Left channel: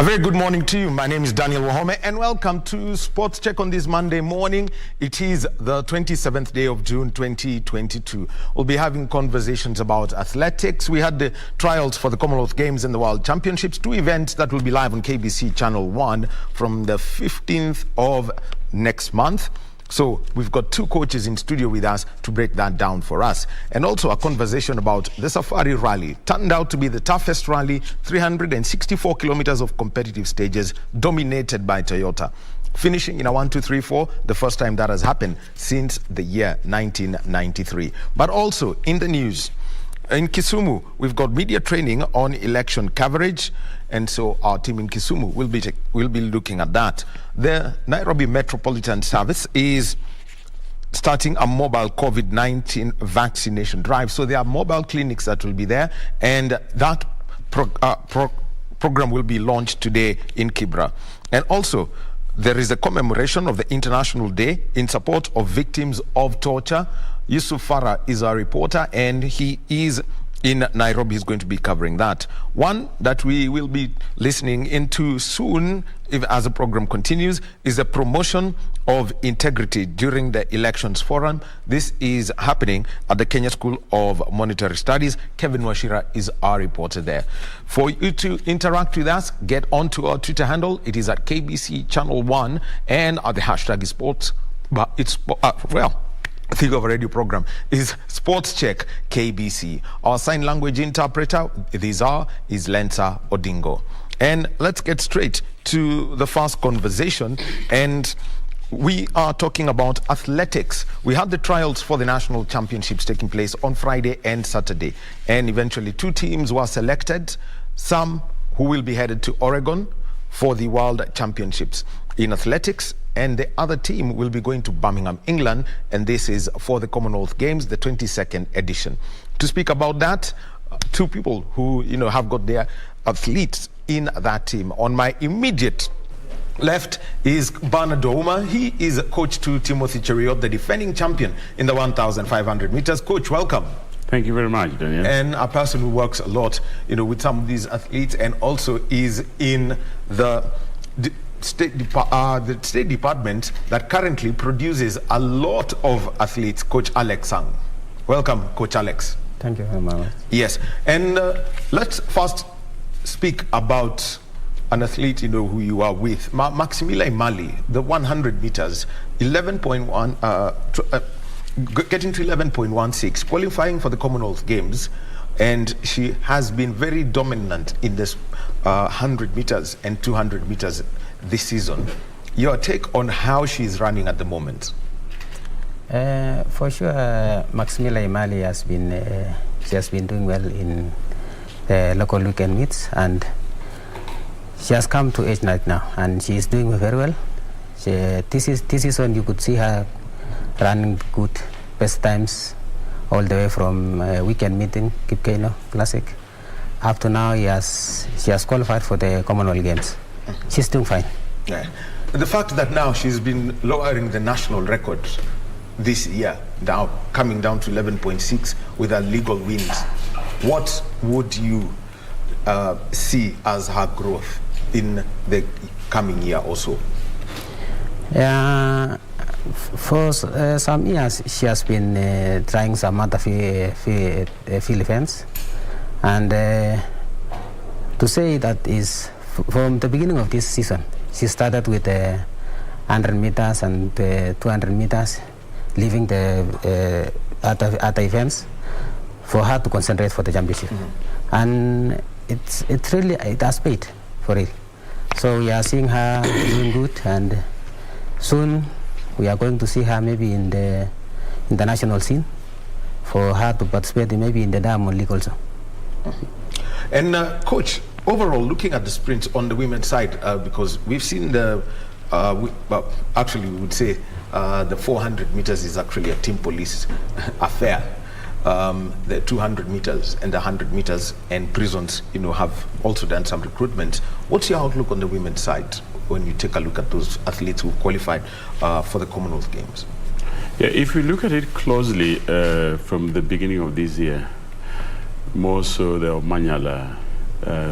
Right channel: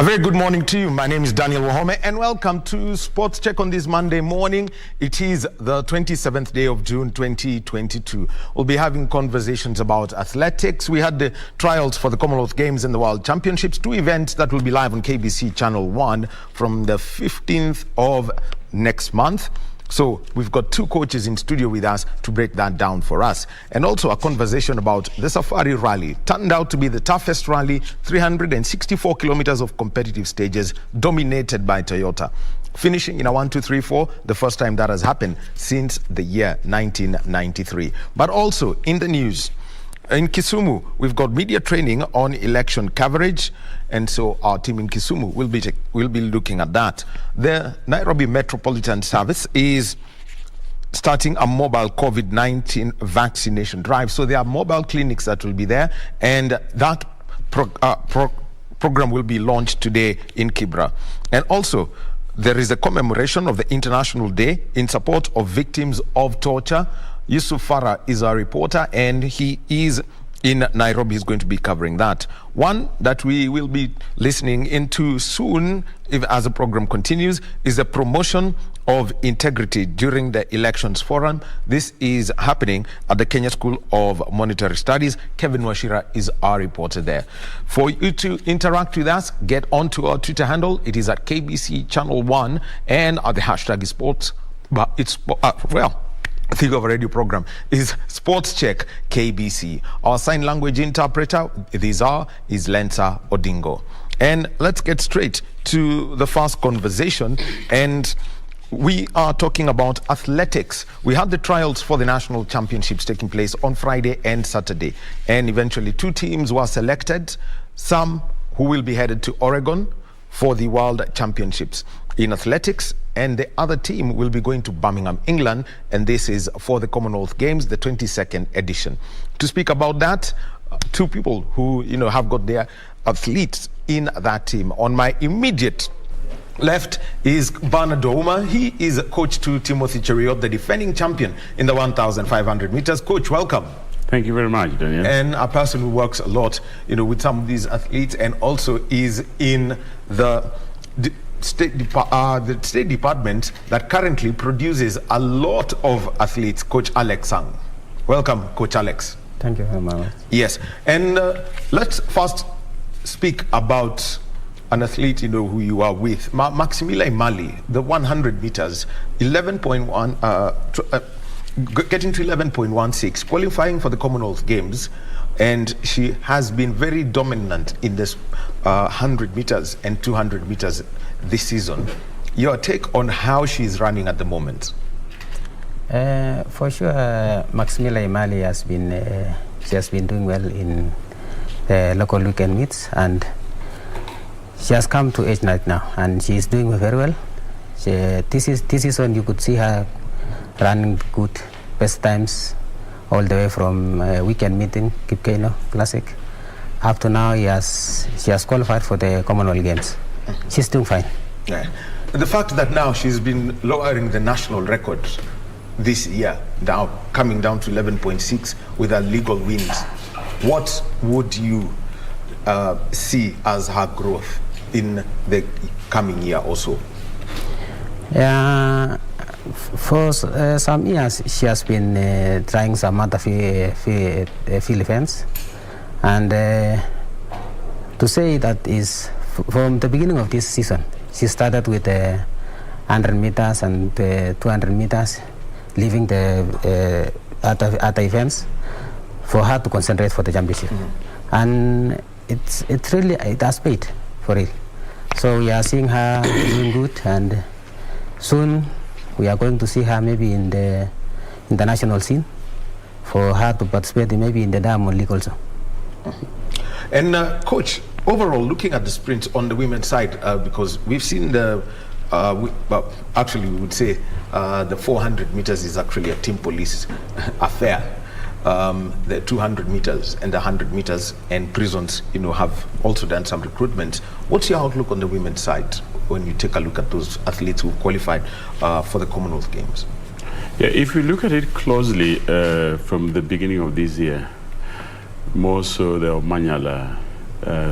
A very good morning to you. My name is Daniel Wahome and welcome to Sports Check on this Monday morning. It is the 27th day of June 2022. We'll be having conversations about athletics. We had the trials for the Commonwealth Games and the World Championships, two events that will be live on KBC Channel 1 from the 15th of next month. So we've got two coaches in studio with us to break that down for us. And also a conversation about the Safari Rally. Turned out to be the toughest rally, 364 kilometers of competitive stages dominated by Toyota. Finishing in a 1, 2, 3, 4, the first time that has happened since the year 1993. But also in the news, in Kisumu, we've got media training on election coverage, and so our team in Kisumu will be looking at that. The Nairobi Metropolitan Service is starting a mobile COVID-19 vaccination drive. So there are mobile clinics that will be there, and that program will be launched today in Kibra. And also, there is a commemoration of the International Day in support of victims of torture. Yusuf Farah is our reporter, and he is in Nairobi. He's going to be covering that. One that we will be listening into soon, as the program continues, is the promotion of integrity during the elections forum. This is happening at the Kenya School of Monetary Studies. Kevin Washira is our reporter there. For you to interact with us, get onto our Twitter handle. It is at KBC Channel 1, and the hashtag is sports. But it's I think of a radio program is Sports Check KBC. Our sign language interpreter is Lensa Odingo. And let's get straight to the first conversation. And we are talking about athletics. We had the trials for the national championships taking place on Friday and Saturday. And eventually 2 teams were selected, some who will be headed to Oregon for the World Championships in athletics, and the other team will be going to Birmingham, England, and this is for the Commonwealth Games, the 22nd edition. To speak about that, 2 people who have got their athletes in that team. On my immediate left is Bernard Ouma. He is coach to Timothy Cheruiyot, the defending champion in the 1,500 meters. Coach, welcome. Thank you very much, Daniel. And a person who works a lot, with some of these athletes, and also is in the State Department that currently produces a lot of athletes, Coach Alex Sang. Welcome, Coach Alex. Thank you very much. Yes, and let's first speak about an athlete, who you are with. Maximila Imali, the 100 meters, 11.1, getting to 11.16, qualifying for the Commonwealth Games, and she has been very dominant in this 100 meters and 200 meters this season. Your take on how she's running at the moment? For sure, Maximila Imali has been doing well in the local weekend meets, and she has come to age right now, and she is doing very well. This season you could see her running good best times all the way from weekend meeting, Kipkeino Classic, up to now. She has qualified for the Commonwealth Games. She's doing fine. Yeah. The fact that now she's been lowering the national record this year, now coming down to 11.6 with her legal wins, what would you see as her growth in the coming year also? For some years, she has been trying some other field events, and to say that is from the beginning of this season, she started with 100 meters and 200 meters, leaving the other events for her to concentrate for the championship. And it has paid for it. So we are seeing her doing good, and soon we are going to see her maybe in the international scene for her to participate maybe in the Diamond League also. And Coach, overall, looking at the sprints on the women's side, because we've seen actually we would say the 400 meters is actually a team police affair. The 200 meters and the 100 meters and prisons, have also done some recruitment. What's your outlook on the women's side when you take a look at those athletes who qualified for the Commonwealth Games? Yeah, if we look at it closely from the beginning of this year, more so the Omanyala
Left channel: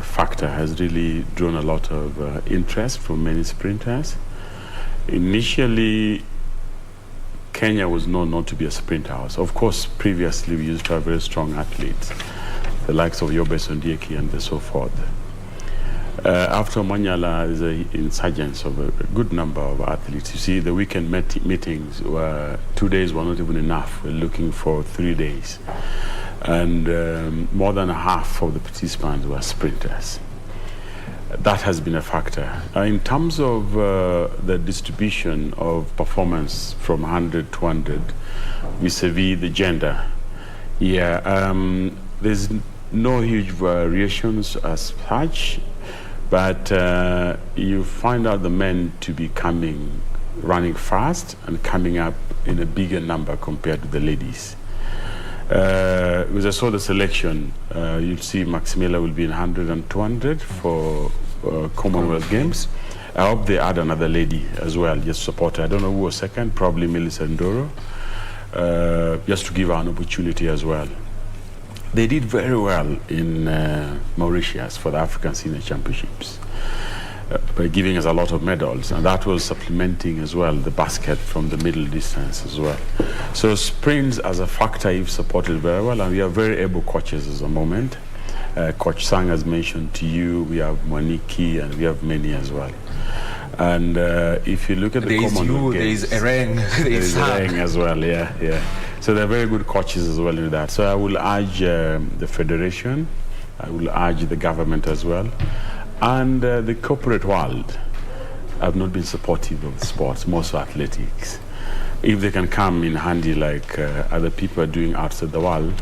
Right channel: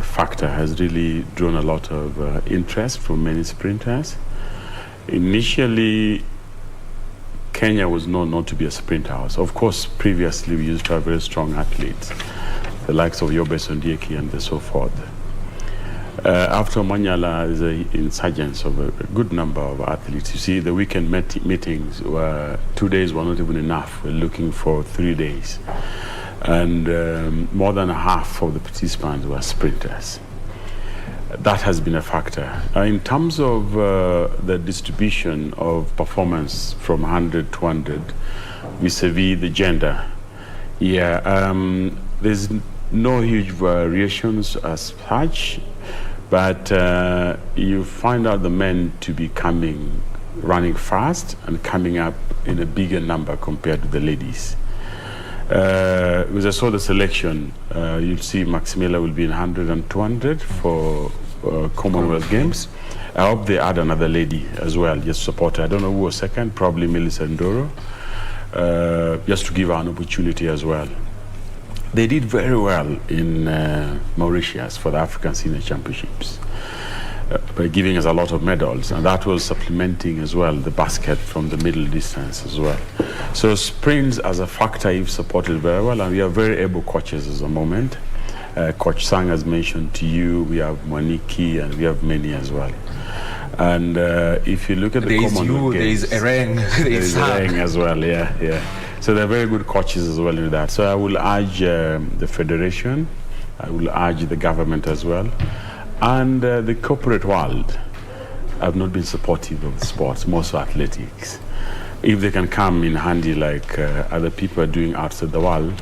factor has really drawn a lot of interest from many sprinters. Initially, Kenya was known not to be a sprint house. Of course, previously we used to have very strong athletes, the likes of Yobe Sondieki and so forth. After Manyala is an insurgence of a good number of athletes. You see, the weekend meetings were 2 days were not even enough. We're looking for 3 days. And more than half of the participants were sprinters. That has been a factor. In terms of the distribution of performance from 100 to 100 vis-a-vis the gender, there's no huge variations as such, but you find out the men to be running fast and coming up in a bigger number compared to the ladies. As I saw the selection, you'll see Maximila will be in 100 and 200 for Commonwealth Games. I hope they add another lady as well, just support her. I don't know who was second, probably Melissa Ndoro, just to give her an opportunity as well. They did very well in Mauritius for the African Senior Championships by giving us a lot of medals, and that was supplementing as well the basket from the middle distance as well. So sprints as a factor, you've supported very well, and we have very able coaches at the moment. Coach Sang has mentioned to you, we have Mwaniki, and we have many as well. And if you look at the Commonwealth Games, there is Ereng, there is Ereng as well, yeah. So they're very good coaches as well in that. So I will urge the federation, I will urge the government as well, and the corporate world have not been supportive of the sports, most of athletics. If they can come in handy like other people are doing outside the world,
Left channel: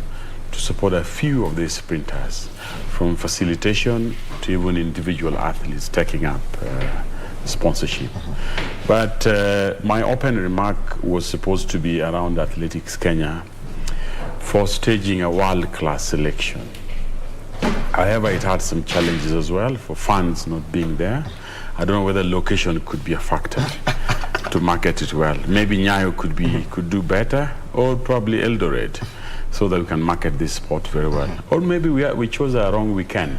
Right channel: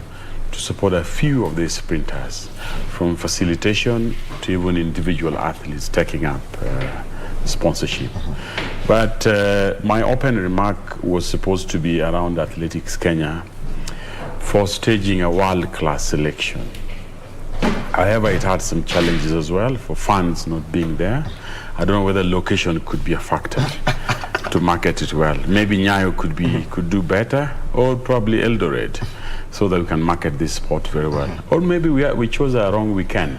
to support a few of these sprinters, from facilitation to even individual athletes taking up sponsorship. But my open remark was supposed to be around Athletics Kenya for staging a world-class selection. However, it had some challenges as well for funds not being there. I don't know whether location could be a factor to market it well. Maybe Nyayo could do better, or probably Eldoret, so that we can market this sport very well. Or maybe we chose a wrong weekend.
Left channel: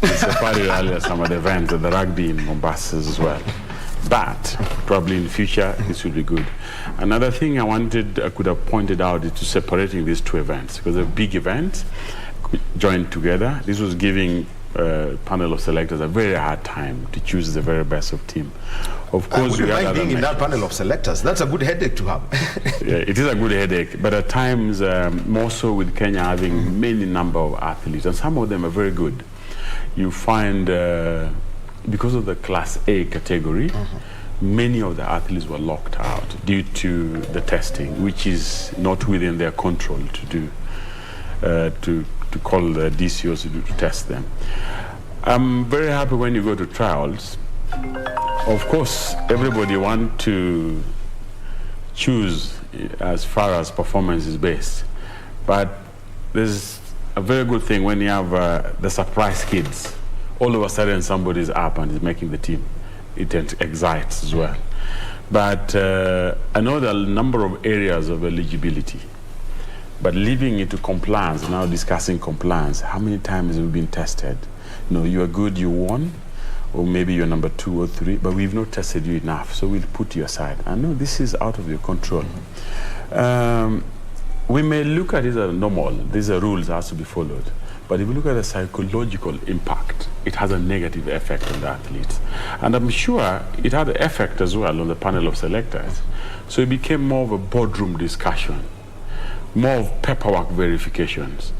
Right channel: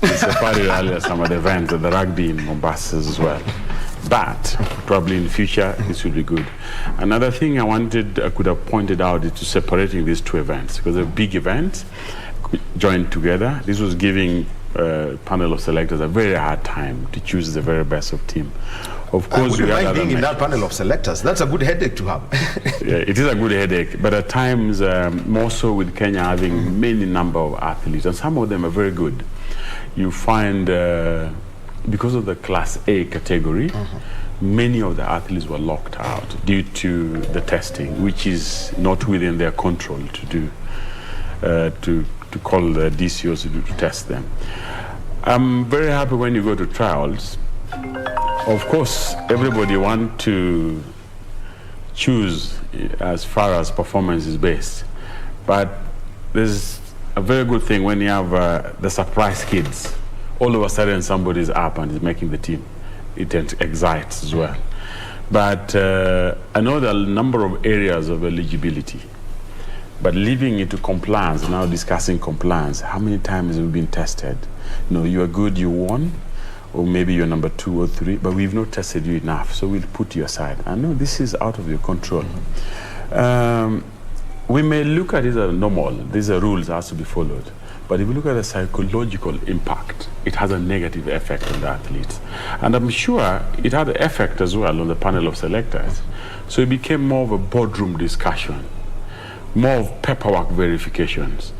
We Safari earlier some of the events at the rugby in Mombasa as well. But probably in future this will be good. Another thing I could have pointed out is to separating these two events, because they're big events joined together. This was giving a panel of selectors a very hard time to choose the very best of team. Of course, would you mind being in that panel of selectors? That's a good headache to have. Yeah, it is a good headache, but at times, more so with Kenya having many number of athletes, and some of them are very good. You find, because of the Class A category, many of the athletes were locked out due to the testing, which is not within their control to do, to call the DCOs to test them. I'm very happy when you go to trials. Of course, everybody wants to choose as far as performance is based, but there's a very good thing when you have the surprise kids. All of a sudden somebody's up and is making the team. It excites as well. But I know there are a number of areas of eligibility, but leaving it to compliance, now discussing compliance, how many times have we been tested? You are good, you won, or maybe you're number 2 or 3, but we've not tested you enough, so we'll put you aside. I know this is out of your control. We may look at it as normal, these are rules that has to be followed, but if you look at the psychological impact, it has a negative effect on the athletes. And I'm sure it had an effect as well on the panel of selectors. So it became more of a boardroom discussion, more of paperwork verifications.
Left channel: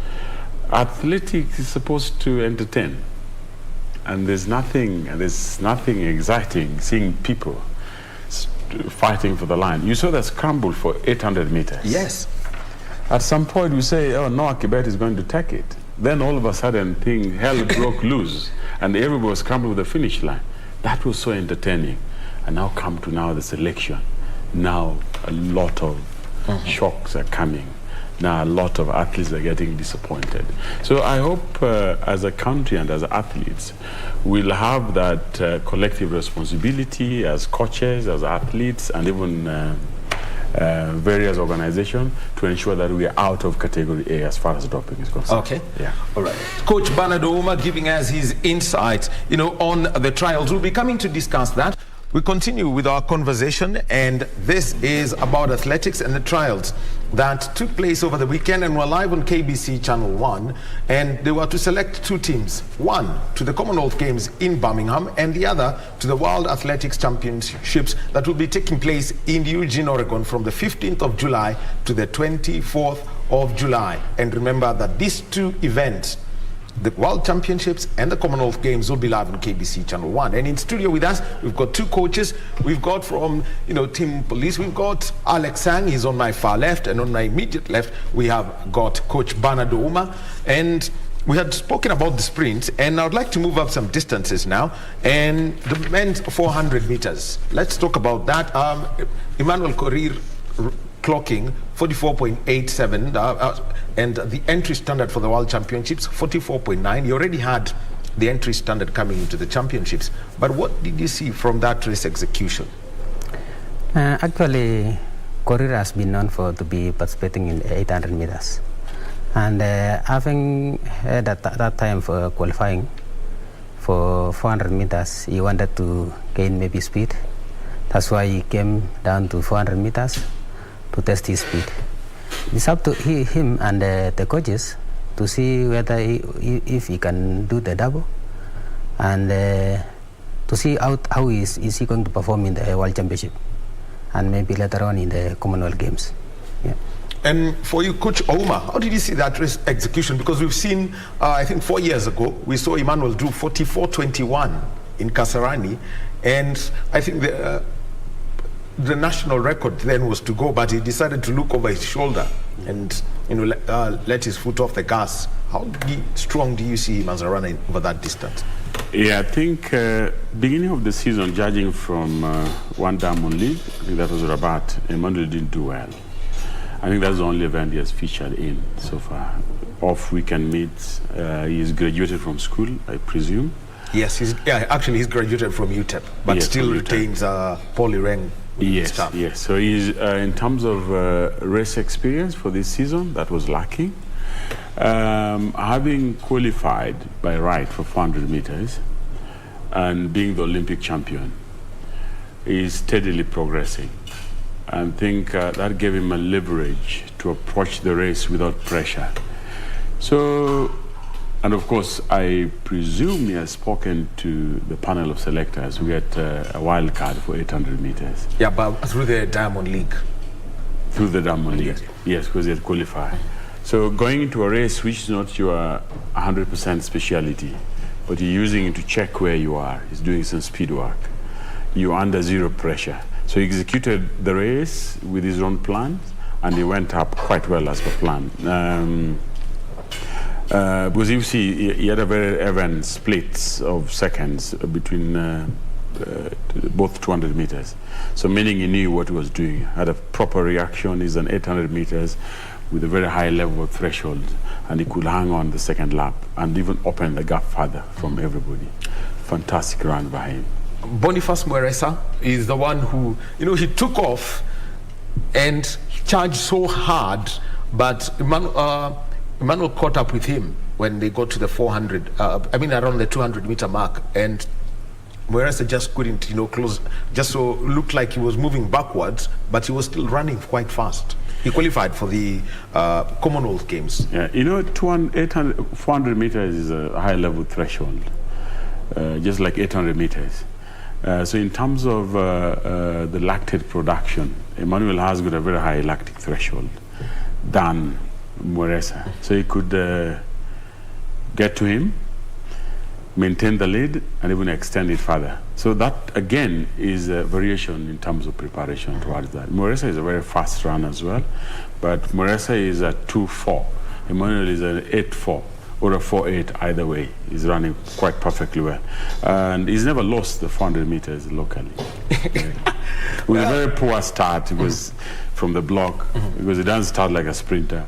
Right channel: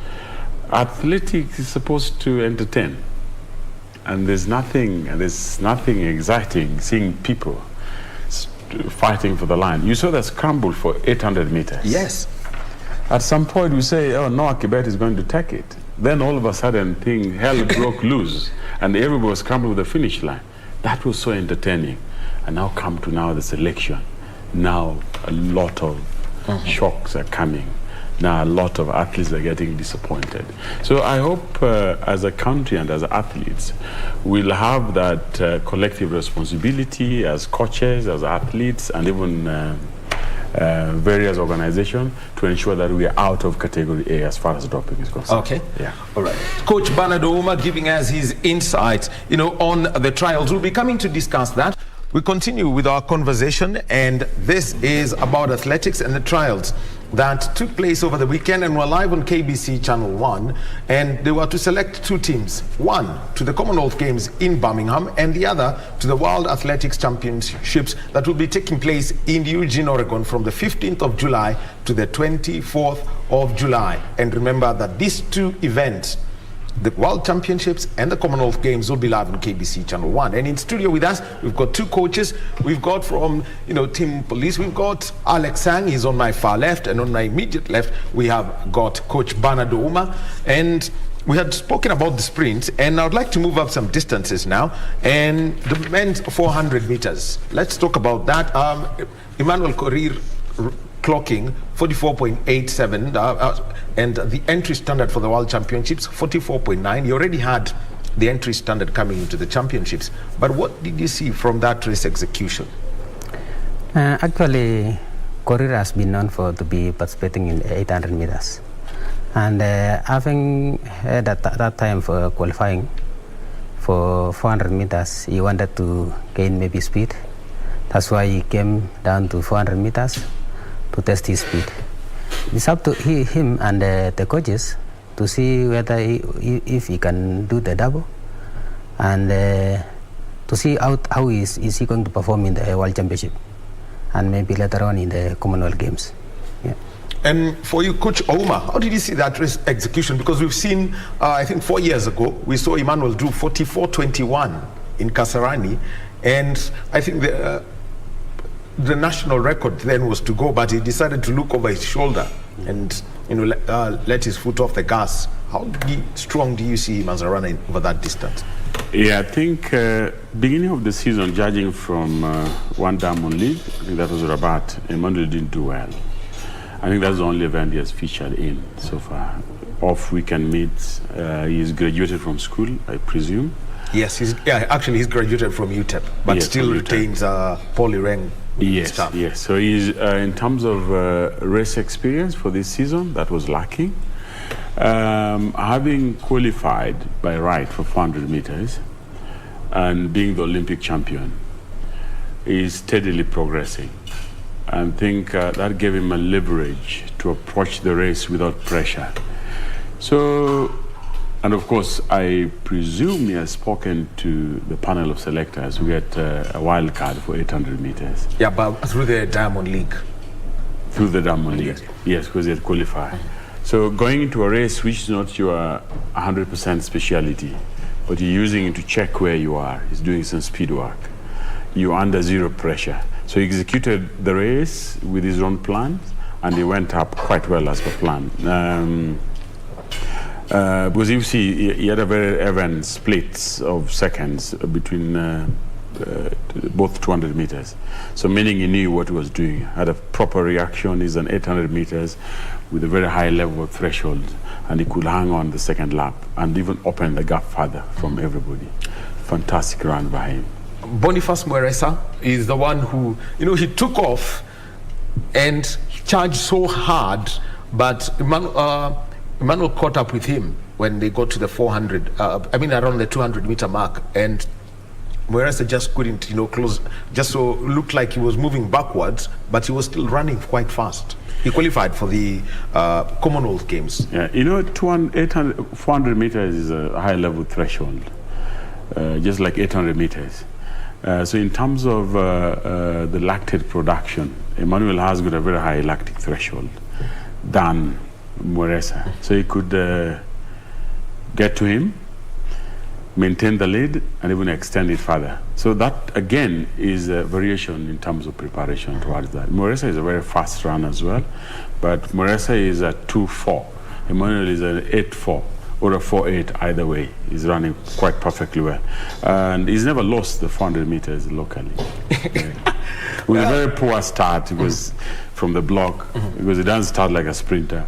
Athletics is supposed to entertain. And there's nothing exciting seeing people fighting for the line. You saw the scramble for 800 meters. Yes. At some point we say, oh, Noah Kibet is going to take it. Then all of a sudden hell broke loose and everybody was scrambling with the finish line. That was so entertaining. And now come to the selection. Now a lot of shocks are coming. Now a lot of athletes are getting disappointed. So I hope as a country and as athletes, we'll have that collective responsibility as coaches, as athletes, and even various organizations to ensure that we are out of category A as far as doping is concerned. Okay. Yeah. All right. Coach Bernard Ouma giving us his insight, on the trials. We'll be coming to discuss that. We continue with our conversation, and this is about athletics and the trials that took place over the weekend, and we're live on KBC Channel 1, and they were to select two teams, one to the Commonwealth Games in Birmingham and the other to the World Athletics Championships that will be taking place in Eugene, Oregon from the 15th of July to the 24th of July. And remember that these two events, the World Championships and the Commonwealth Games, will be live on KBC Channel 1. And in studio with us, we've got two coaches. We've got from, Team Police, we've got Alex Sang, he's on my far left, and on my immediate left, we have got Coach Bernard Ouma. And we had spoken about the sprint, and I would like to move up some distances now. And the men's 400 meters. Let's talk about that. Emmanuel Korir clocking 44.87, and the entry standard for the World Championships 44.9. You already had the entry standard coming into the championships, but what did you see from that race execution? Actually, Korir has been known to be participating in 800 meters, and having had that time for qualifying for 400 meters, he wanted to gain maybe speed. That's why he came down to 400 meters to test his speed. It's up to him and the coaches to see whether if he can do the double, and to see how is he going to perform in the World Championship and maybe later on in the Commonwealth Games. Yeah. And for you, Coach Ouma, how did you see that race execution? Because we've seen, I think 4 years ago, we saw Emmanuel do 44.21 in Kasarani, and I think the national record then was to go, but he decided to look over his shoulder and let his foot off the gas. How strong do you see him as a runner over that distance? Yeah, I think beginning of the season, judging from one Diamond League, I think that was Rabat, Emmanuel didn't do well. I think that's the only event he has featured in so far. Off weekend meets, he's graduated from school, I presume. Yes, he's graduated from UTEP, but yes, still retains poly rank. Yes. So he's in terms of race experience for this season, that was lacking. Having qualified by right for 400 meters and being the Olympic champion, he's steadily progressing. I think that gave him a leverage to approach the race without pressure. So, and of course, I presume he has spoken to the panel of selectors who get a wild card for 800 meters. Yeah, but through the Diamond League. Through the Diamond League, yes, because he had qualified. So going into a race which is not your 100% speciality, but you're using it to check where you are, he's doing some speed work. You're under zero pressure. So he executed the race with his own plans, and he went up quite well as per plan. Because you see, he had a very even splits of seconds between both 200 meters. So meaning he knew what he was doing, had a proper reaction. He's an 800 meters with a very high level of threshold, and he could hang on the second lap and even open the gap further from everybody. Fantastic run by him. Boniface Mweresa is the one who, he took off and charged so hard, but Emmanuel caught up with him when they got to the 400, around the 200 meter mark, and Mweresa just couldn't, close, just so looked like he was moving backwards, but he was still running quite fast. He qualified for the Commonwealth Games. Yeah, 400 meters is a high level threshold, just like 800 meters. So in terms of the lactate production, Emmanuel has got a very high lactic threshold than Mweresa. So he could get to him, maintain the lead, and even extend it further. So that, again, is a variation in terms of preparation towards that. Mweresa is a very fast runner as well, but Mweresa is a 2.4. Emmanuel is an 8.4. Or a 4.8, either way. He's running quite perfectly well. And he's never lost the 400 meters locally. It was a very poor start. It was from the block, because he doesn't start like a sprinter.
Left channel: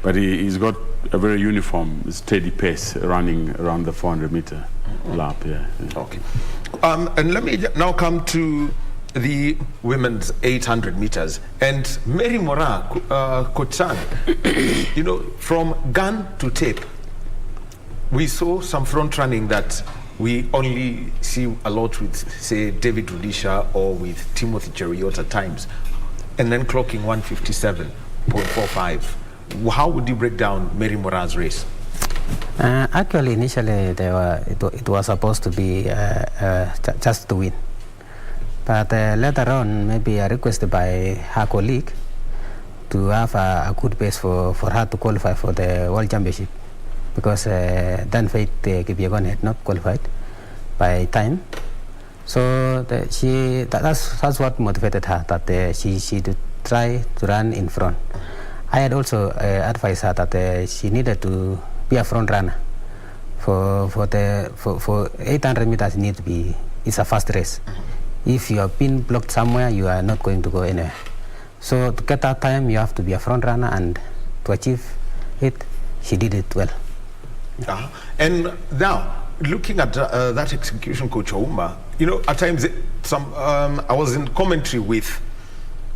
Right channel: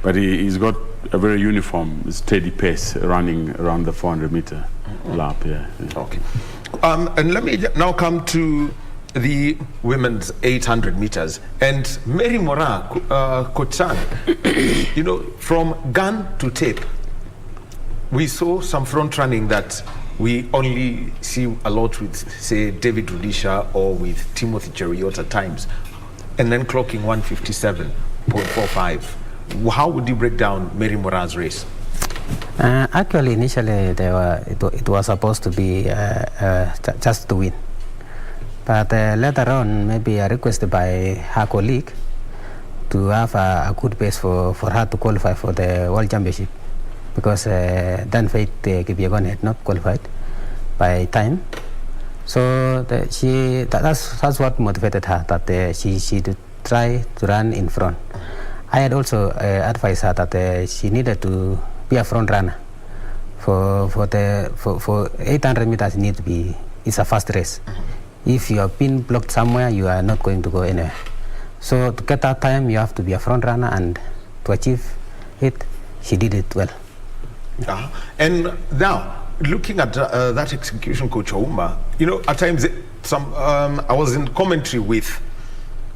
But he's got a very uniform, steady pace running around the 400 meter lap. Yeah. Okay. And let me now come to the women's 800 meters. And Mary Moraa, Coach San, you know, from gun to tape, we saw some front running that we only see a lot with, say, David Rudisha or with Timothy Cheruiyot at times, and then clocking 157.45. How would you break down Mary Moraa's race? Actually, initially, it was supposed to be just to win. But later on, maybe requested by her colleague to have a good pace for her to qualify for the World Championship. Because then Faith Kipyegon had not qualified by time. So that's what motivated her, that she did try to run in front. I had also advised her that she needed to be a front runner. For 800 meters, it's a fast race. If you have been blocked somewhere, you are not going to go anywhere. So to get that time, you have to be a front runner, and to achieve it, she did it well. And now, looking at that execution, Coach Ouma, you know, at times, I was in commentary with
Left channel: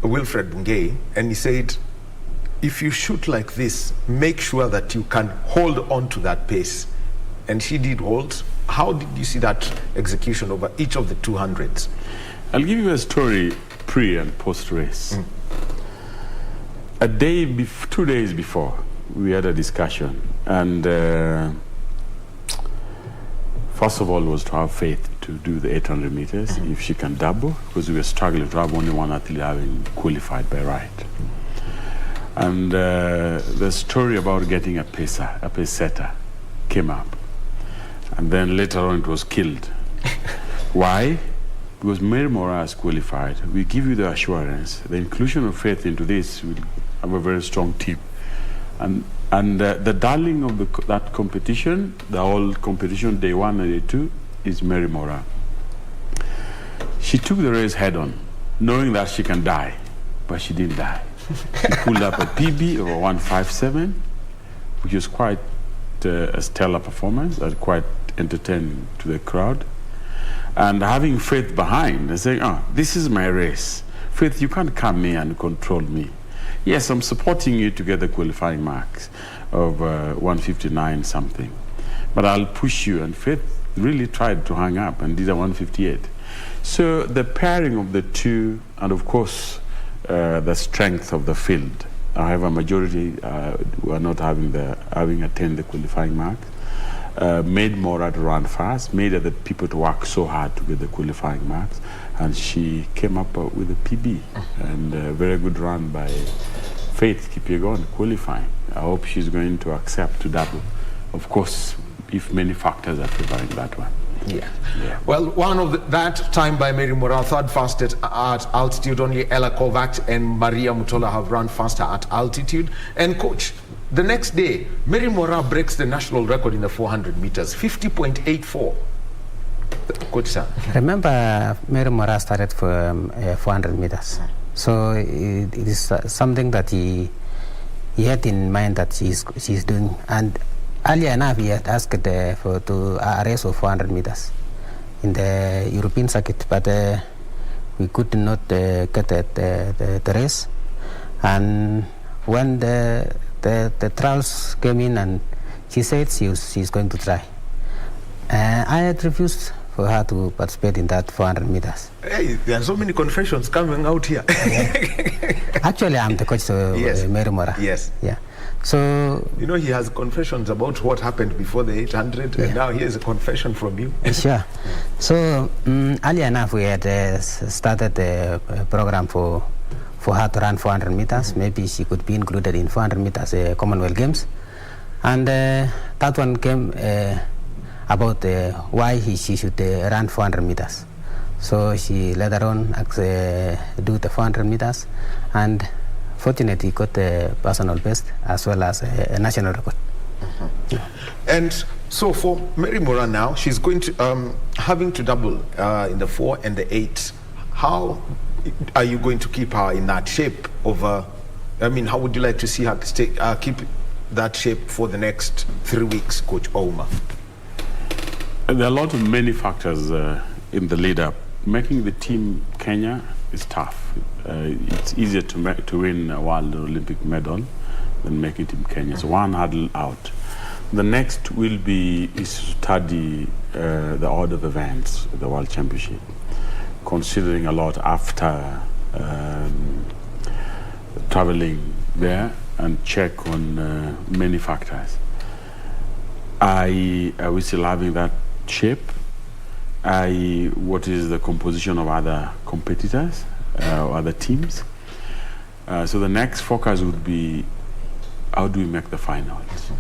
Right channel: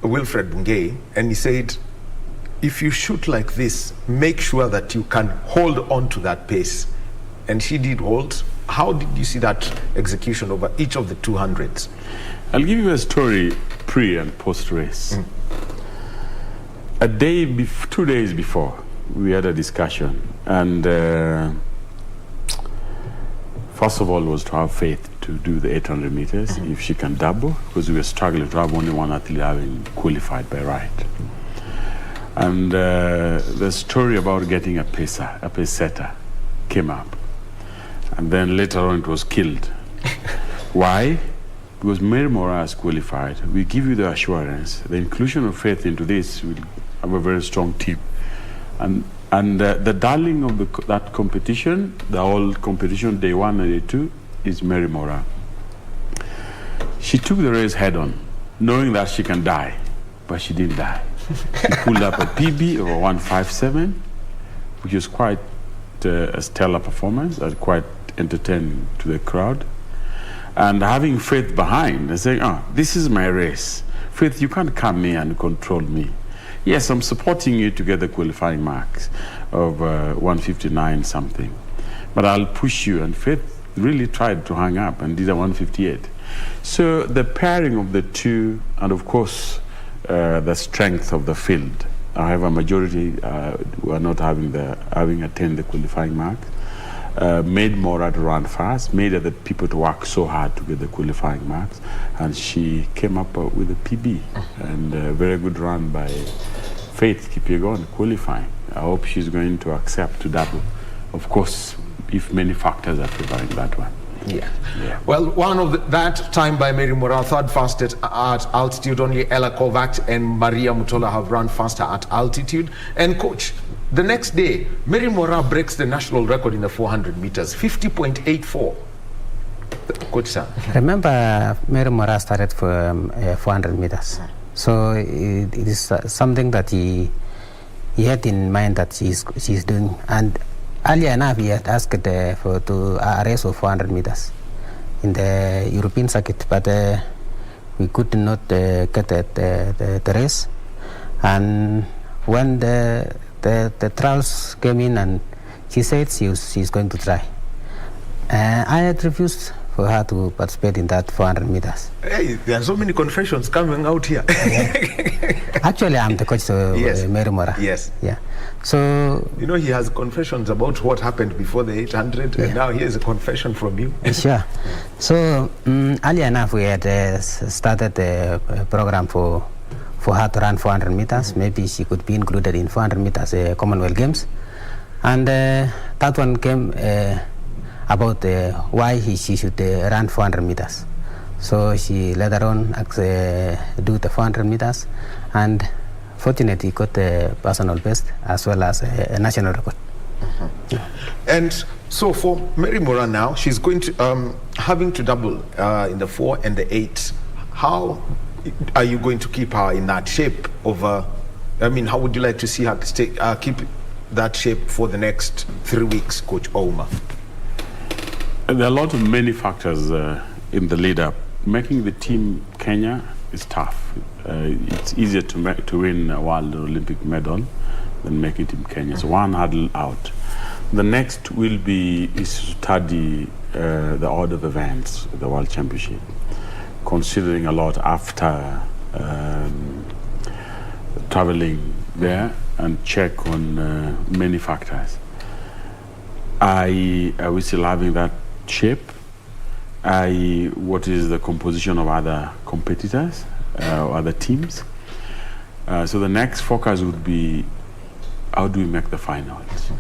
Wilfred Bungei, and he said, if you shoot like this, make sure that you can hold on to that pace. And she did hold. How did you see that execution over each of the 200s? I'll give you a story pre and post race. 2 days before, we had a discussion, and first of all was to have Faith to do the 800 meters, if she can double, because we were struggling to have only one athlete having qualified by right. And the story about getting a pace setter came up. And then later on it was killed. Why? Because Mary Moraa is qualified. We give you the assurance. The inclusion of Faith into this will have a very strong team. And the darling of that competition, the whole competition, day 1 and day 2, is Mary Moraa. She took the race head on, knowing that she can die, but she didn't die. She pulled up a PB of 157, which was quite a stellar performance, quite entertaining to the crowd. And having Faith behind and saying, this is my race. Faith, you can't come here and control me. Yes, I'm supporting you to get the qualifying marks of 159 something. But I'll push you. And Faith really tried to hang up and did a 158. So the pairing of the two, and of course, the strength of the field. However, majority were not having attained the qualifying mark. Made Moraa to run fast, made other people to work so hard to get the qualifying marks, and she came up with a PB, and a very good run by Faith Kipyegon qualifying. I hope she's going to accept to double, of course, if many factors are providing that one. Yeah. Well, one of that time by Mary Moraa, third fastest at altitude. Only Ella Kovacs and Maria Mutola have run faster at altitude. And Coach, the next day, Mary Moraa breaks the national record in the 400 meters, 50.84. Coach, sir. Remember, Mary Moraa started for 400 meters. So it is something that he had in mind that she's doing. And earlier enough, he had asked for a race of 400 meters in the European circuit, but we could not get the race. And when the trials came in, and she said she's going to try. I had refused for her to participate in that 400 meters. Hey, there are so many confessions coming out here. Actually, I'm the coach of Mary Moraa. Yes. Yeah. So, you know, he has confessions about what happened before the 800, and now here's a confession from you. Sure. So, earlier enough, we had started a program for her to run 400 meters. Maybe she could be included in 400 meters Commonwealth Games. And that one came about why she should run 400 meters. So she later on do the 400 meters, and fortunately got the personal best as well as a national record. And so for Mary Moraa now, she's going to having to double in the 4 and the 8. How are you going to keep her in that shape over? I mean, how would you like to see her stay, keep that shape for the next 3 weeks, Coach Ouma? There are many factors in the lead-up. Making the team Kenya is tough. It's easier to win a World Olympic medal than making Team Kenya. So one hurdle out. The next will be is to study the order of events, the World Championship, considering a lot after traveling there and check on many factors. Are we still having that shape? What is the composition of other competitors, or other teams? So the next focus would be, how do we make the finals?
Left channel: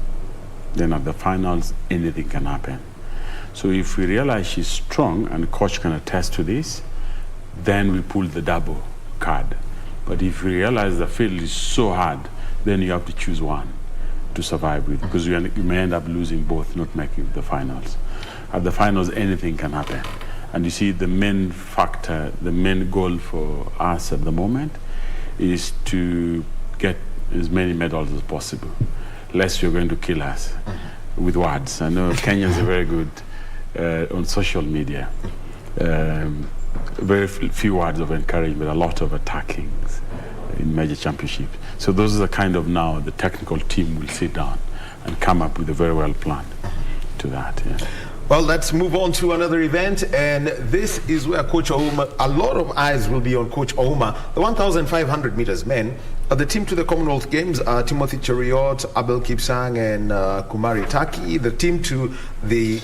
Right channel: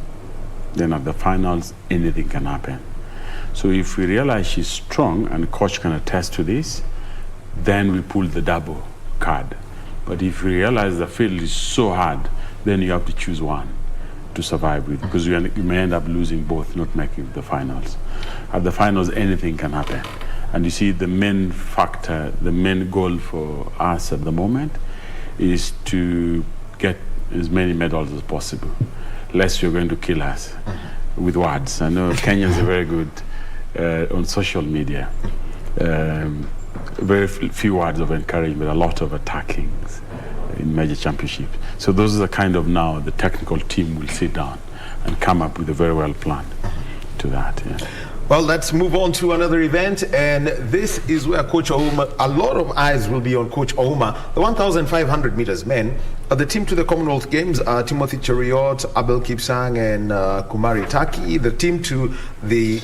Then at the finals, anything can happen. So if we realize she's strong, and the coach can attest to this, then we pull the double card. But if we realize the field is so hard, then you have to choose one to survive with, because you may end up losing both, not making the finals. At the finals, anything can happen. And you see, the main factor, the main goal for us at the moment is to get as many medals as possible, lest you're going to kill us with words. I know Kenyans are very good on social media. Very few words of encouragement, a lot of attackings in major championships. So those are the kind of, now the technical team will sit down and come up with a very well plan to that. Yeah. Well, let's move on to another event, and this is where Coach Ouma, a lot of eyes will be on Coach Ouma. The 1,500 meters men, the team to the Commonwealth Games are Timothy Cheruiyot, Abel Kipsang, and Kumari Taki. The team to the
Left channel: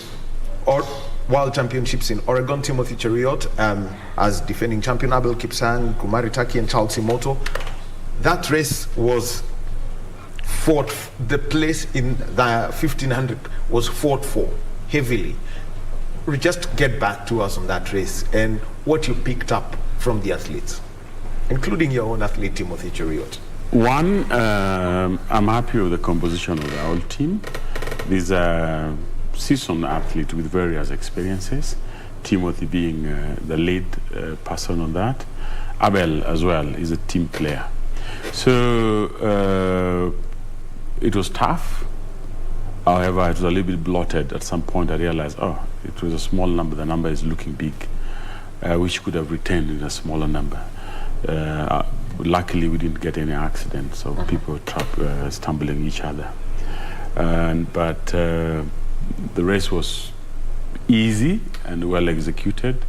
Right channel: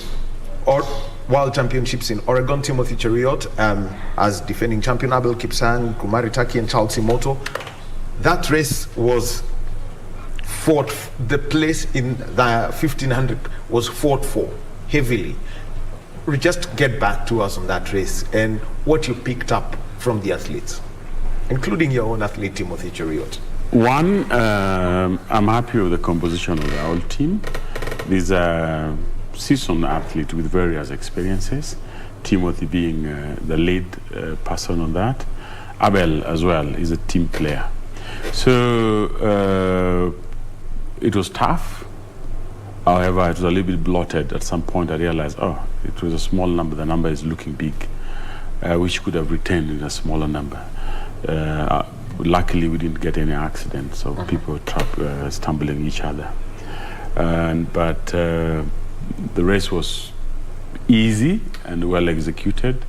World Championships in Oregon, Timothy Cheruiyot as defending champion, Abel Kipsang, Kumari Taki, and Charles Imoto. That race was fought, the place in the 1,500 was fought for heavily. Just get back to us on that race and what you picked up from the athletes, including your own athlete, Timothy Cheruiyot. One, I'm happy with the composition of the whole team. These are seasoned athletes with various experiences, Timothy being the lead person on that. Abel as well is a team player. So it was tough. However, it was a little bit bloated. At some point I realized, it was a small number. The number is looking big, which could have retained in a smaller number. Luckily, we didn't get any accidents of people stumbling each other. But the race was easy and well executed.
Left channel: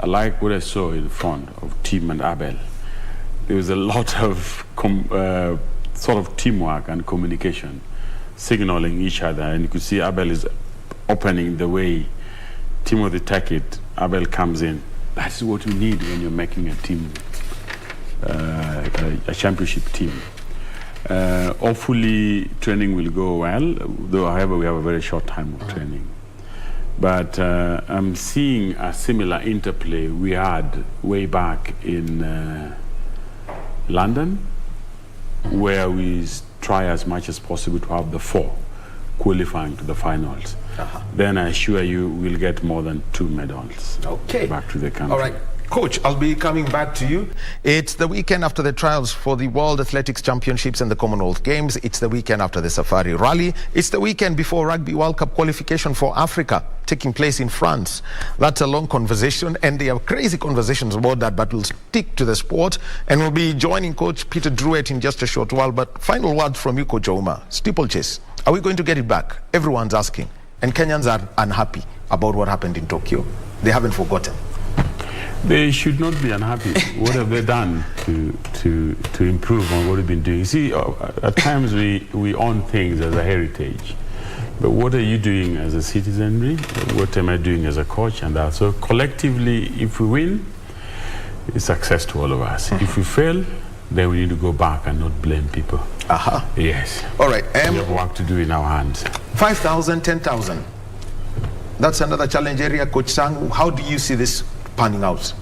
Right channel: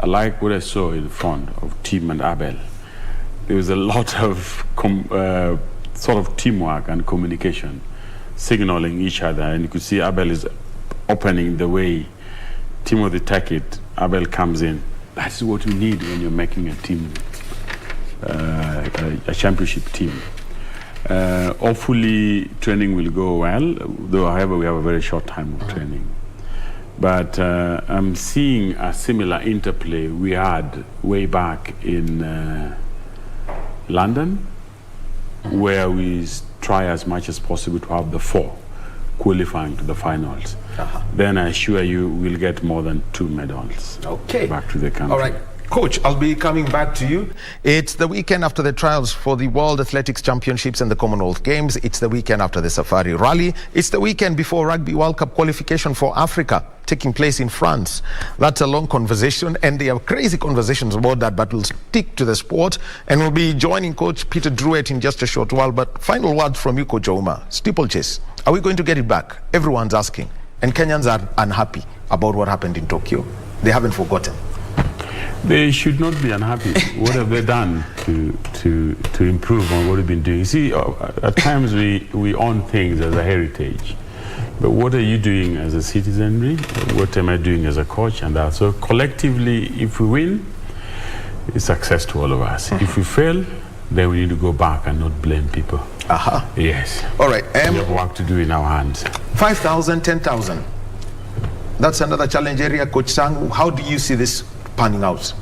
I like what I saw in front of Tim and Abel. There was a lot of sort of teamwork and communication, signaling each other, and you could see Abel is opening the way. Timothy take it, Abel comes in. That's what you need when you're making a team, a championship team. Hopefully training will go well, though however we have a very short time of training. But I'm seeing a similar interplay we had way back in London, where we try as much as possible to have the 4 qualifying to the finals. Then I assure you we'll get more than 2 medals back to the country. All right. Coach, I'll be coming back to you. It's the weekend after the trials for the World Athletics Championships and the Commonwealth Games. It's the weekend after the Safari Rally. It's the weekend before Rugby World Cup qualification for Africa, taking place in France. That's a long conversation, and there are crazy conversations about that, but we'll stick to the sport. And we'll be joining Coach Peter Druitt in just a short while. But final word from you, Coach Ouma. Steeplechase, are we going to get it back? Everyone's asking. And Kenyans are unhappy about what happened in Tokyo. They haven't forgotten. They should not be unhappy. What have they done to improve on what we've been doing? You see, at times we own things as a heritage. But what are you doing as a citizenry? What am I doing as a coach? And that. So collectively, if we win, it's success to all of us. If we fail, then we need to go back and not blame people. Yes. All right. We have work to do in our hands. 5,000, 10,000. That's another challenge area. Coach Sang, how do you see this panning out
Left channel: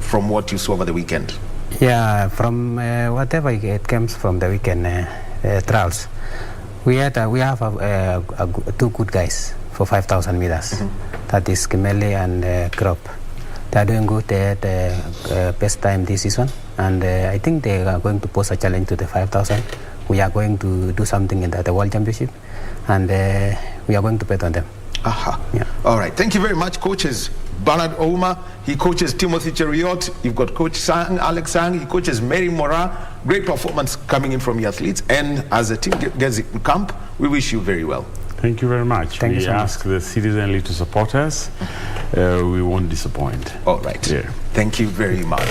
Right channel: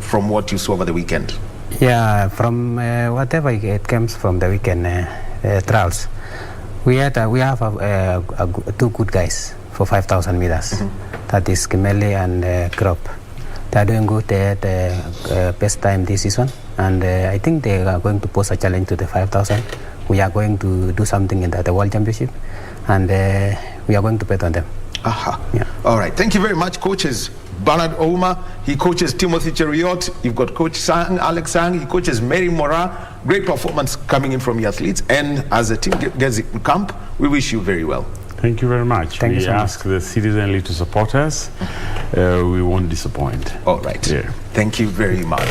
from what you saw over the weekend? Yeah, from whatever it comes from the weekend trials, we have 2 good guys for 5,000 meters. That is Kimeli and Krop. They are doing good. They had best time this season, and I think they are going to pose a challenge to the 5,000. We are going to do something in the World Championship, and we are going to bet on them. Yeah. All right. Thank you very much, coaches. Bernard Ouma, he coaches Timothy Cheriot. You've got Coach Sang, Alex Sang, he coaches Mary Mora. Great performance coming in from your athletes. And as the team gets in camp, we wish you very well. Thank you very much. Thank you so much. We ask the Citizen League to support us. We won't disappoint. All right. Yeah. Thank you very much.